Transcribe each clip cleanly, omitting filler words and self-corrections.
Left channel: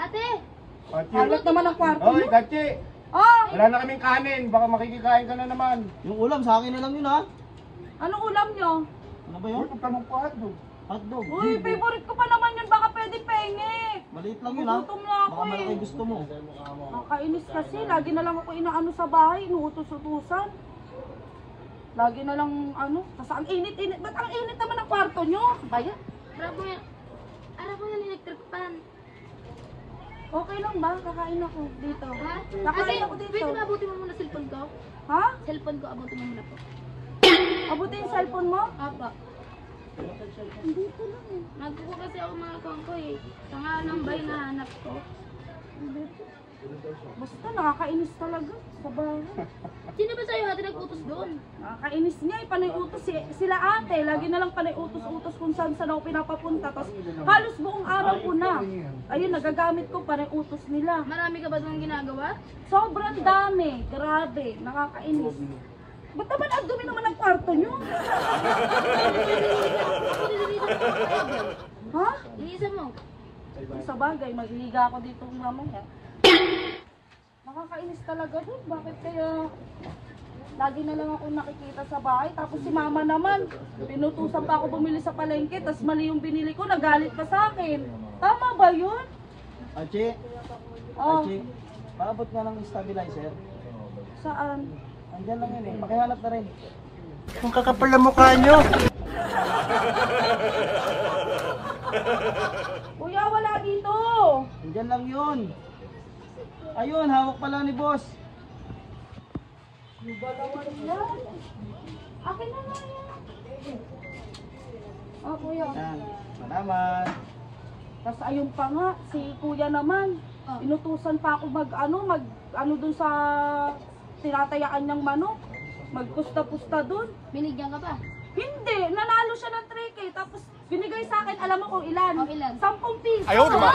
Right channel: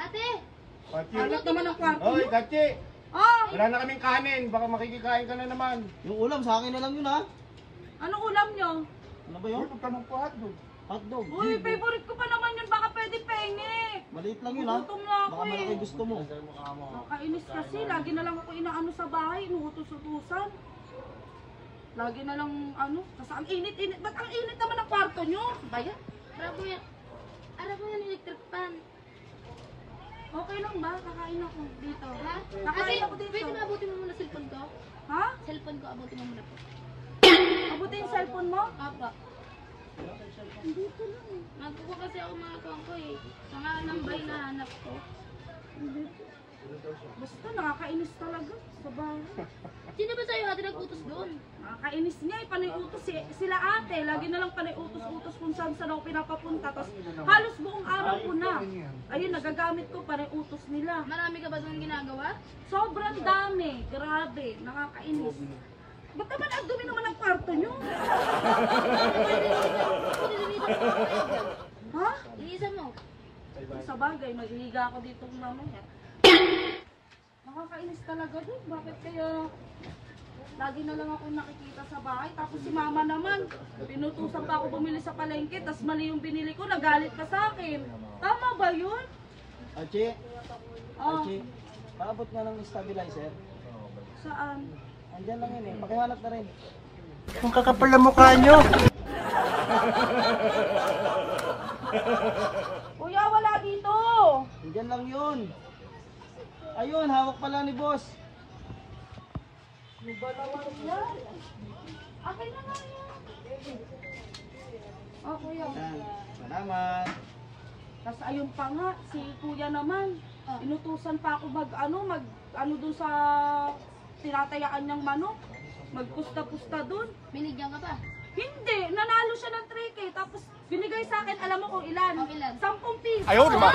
Ate! Halat naman ang kwarto Hoy, niyo. Gatsi! Ah, Wala na kaming kanin. Baka makikikain ka na naman. Yung ulam, sa akin na lang yun ha. anong ulam niyo? Ano ba Uy, yun? huwag ka magpahadog. Hotdog. Uy, favorite ko pa naman yun. Baka pwede penge. Maliit lang yun ha. Gutom na ako Baka malaki eh. gusto mo. Nakakainis kasi. Lagi na lang ako inaano sa bahay. Inuutos-utusan. Lagi na lang ano. Kasi ang init-init. Ba't ang init naman ang kwarto niyo? Bayan. Ara mo yan electric pan. Okay lang ba? Kakain ako dito. Ha? Kakain ako Ate, dito. pwede na abutin mo muna cellphone ko? Ha? Cellphone ko, abutin mo muna po. Abutin yung cellphone mo? Apa. Dito lang eh. Nagkuha kasi ako mga account ko eh. Sa nga ng bay na hanap ko. Dito. Basta nakakainis talaga sa bahay. Sino ba sa'yo ate nag-utos doon? Nakakainis niya eh. Panay utos sila ate. Lagi na lang panay utos-utos kung saan saan ako pinapapunta. Tapos halos buong araw ko na. Ayun, nagagamit ko panay utos nila. Marami ka ba doon ginagawa? Sobrang dami. Grabe. Nakakainis. Ba't naman ang dumi naman ang kwarto nyo? Ha? Iisa mo. Sa bagay, magliga ako dito mamaya. Nakakainis talaga dun. Bakit kaya lagi na lang ako nakikita sa bahay? Tapos si mama naman, pinutusan pa ako bumili sa palengke, tapos mali yung binili ko, nagalit pa sa akin. Tama ba yun? Achi, Oh, Achi, paabot nga ng stabilizer. saan? Andyan lang yun eh. Pakihanap na rin. Ang kakapal na mukha nyo. Kuya, wala dito! Andyan lang yun. Ayun, hawak pala ni boss. Ano ba naman yan? Akin na nga yan. Oh, kuya. Yan. Salamat. Tapos ayun pa nga, si kuya naman, inutusan pa ako ano dun sa tinatayaan niyang manok. Magpusta-pusta dun. Binigyan ka pa? Hindi, nanalo siya ng 3K. Tapos binigay sa akin, alam mo kung ilan? Oh, ilan? 10 piso. Ayaw naman.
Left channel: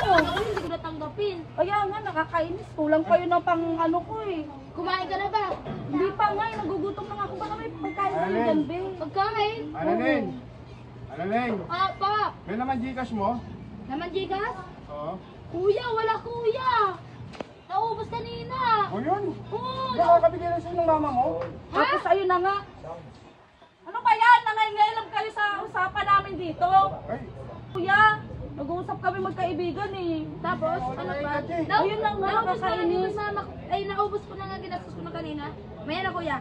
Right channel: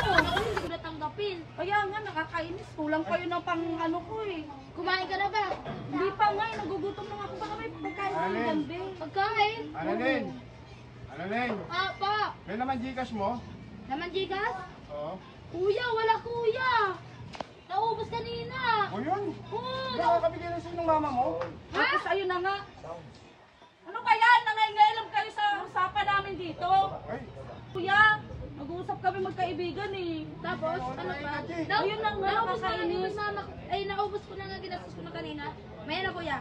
Oo. Hindi ba tanggapin? Kaya nga, nakakainis. Kulang pa yun ang pang ano ko eh. Kumain ka na ba? Hindi pa nga, nagugutom na nga ako. Baka may pagkain ng Alin? ganbe. Pagkain? Alanin. Alanin. Apa? May naman Gcash mo? Naman Gigas? Oo. Kuya, wala kuya. Naubos kanina. O yun. Oo. Nakakabigay na sa'yo ng mama mo? Tapos ayun na nga. Ano ba yan? Nangailangan kayo sa usapan namin dito. Ay. Kuya, nag-uusap kami magkaibigan eh. Tapos, ano pa? Ayun na nga, Naubos na nakakainis. yung mama ko. Ay, naubos ko na nga ginastos ko na kanina. May na kuya.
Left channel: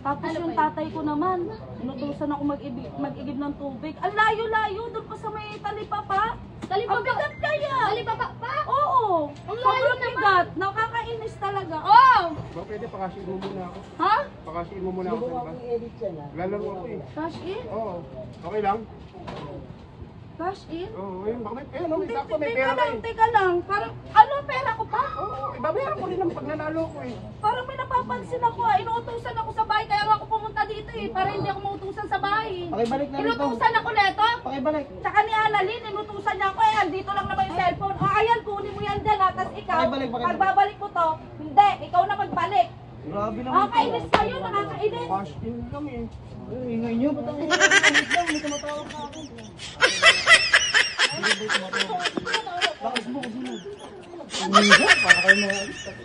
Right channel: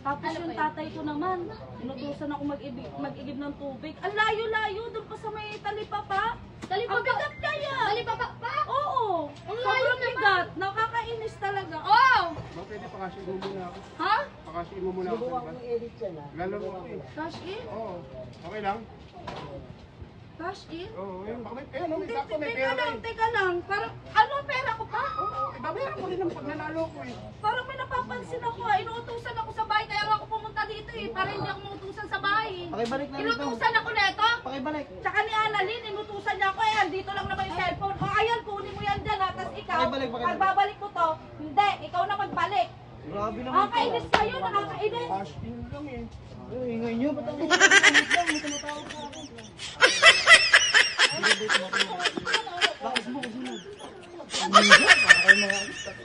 Tapos Ano yung ba yun? tatay ko naman, inutusan ako mag-igib ng tubig. Ang layo-layo, doon pa sa may talipapa. Talipapa. Ang bigat kaya. Talipapa pa? Oo. Ang layo Sobrang naman. bigat. Nakakainis talaga. Oh! Ba, pwede pakasiin mo muna ako. Ha? Pakasiin mo muna ako sa labas. Lalaro ako eh. Cash in? Oo. Okay lang? Cash in? Oo. Ayun, baka may, ayun, may Teka sakto, may pera lang, eh. teka lang. Parang, ano pera ko pa? Oo. Ibabayaran ko rin ang pag nanalo ko eh. Parang may napapansin ako ah. Inuutusan ako sa bahay, kaya ako pumunta dito eh. Para hindi ako mautusan sa bahay. Pakibalik na rito. Inutusan ako neto. Pakibalik. Tsaka ni Annalyn, inutusan niya ako eh. Dito lang naman yung cellphone. O ayan, kunin mo yan dyan ha. Tapos ikaw, Pakibalik. pagbabalik mo to, hindi, ikaw na magbalik. Grabe naman. Nakakainis kayo, nakakainis. Cash in kami. Ay, ingay nyo. Ba't ako may tumatawag sa akin? Lakas mo kasi mo. Para kayo mga...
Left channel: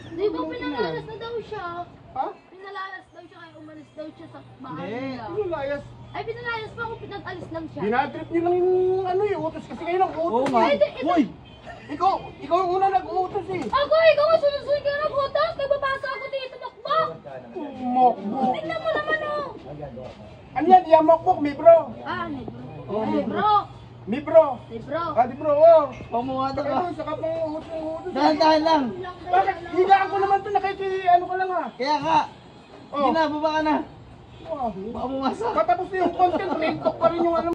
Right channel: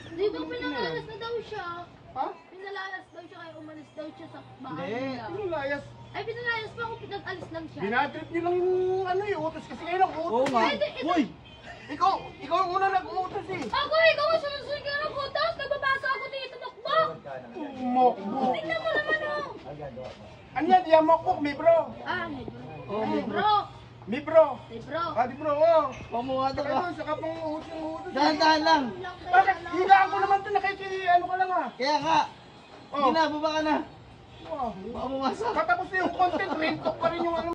Dito, pinalalas na daw siya. Ha? Pinalalas daw siya, kaya umalis daw siya sa bahay Hindi. nila. Ano layas? Ay, pinalayas pa ako, pinag-alis lang siya. Binatrip niyo lang yung ano eh, utos kasi kayo lang Oo utos. nga. Uy! Ikaw ang una nag-utos eh. Ako, ikaw ang sunod-sunod ka ng butas. Nababasa ako dito, makbo. Mokbok. Tingnan mo naman, oh. Ano yan? Yan mokbok, mi bro. Ah, hey, bro. Oh, Hey, bro. Mi bro. Hey, bro. Ah, di bro, oh. Pamuha ka. Ayun, saka pang utos. Dahan-dahan lang. Bakit? Higaan ko naman ito, ano ko lang ah. Kaya nga. Oh. Hindi na, baba ka na. Oh. Baka bumasak. Katapos na yung content, rin pa rin yung ano.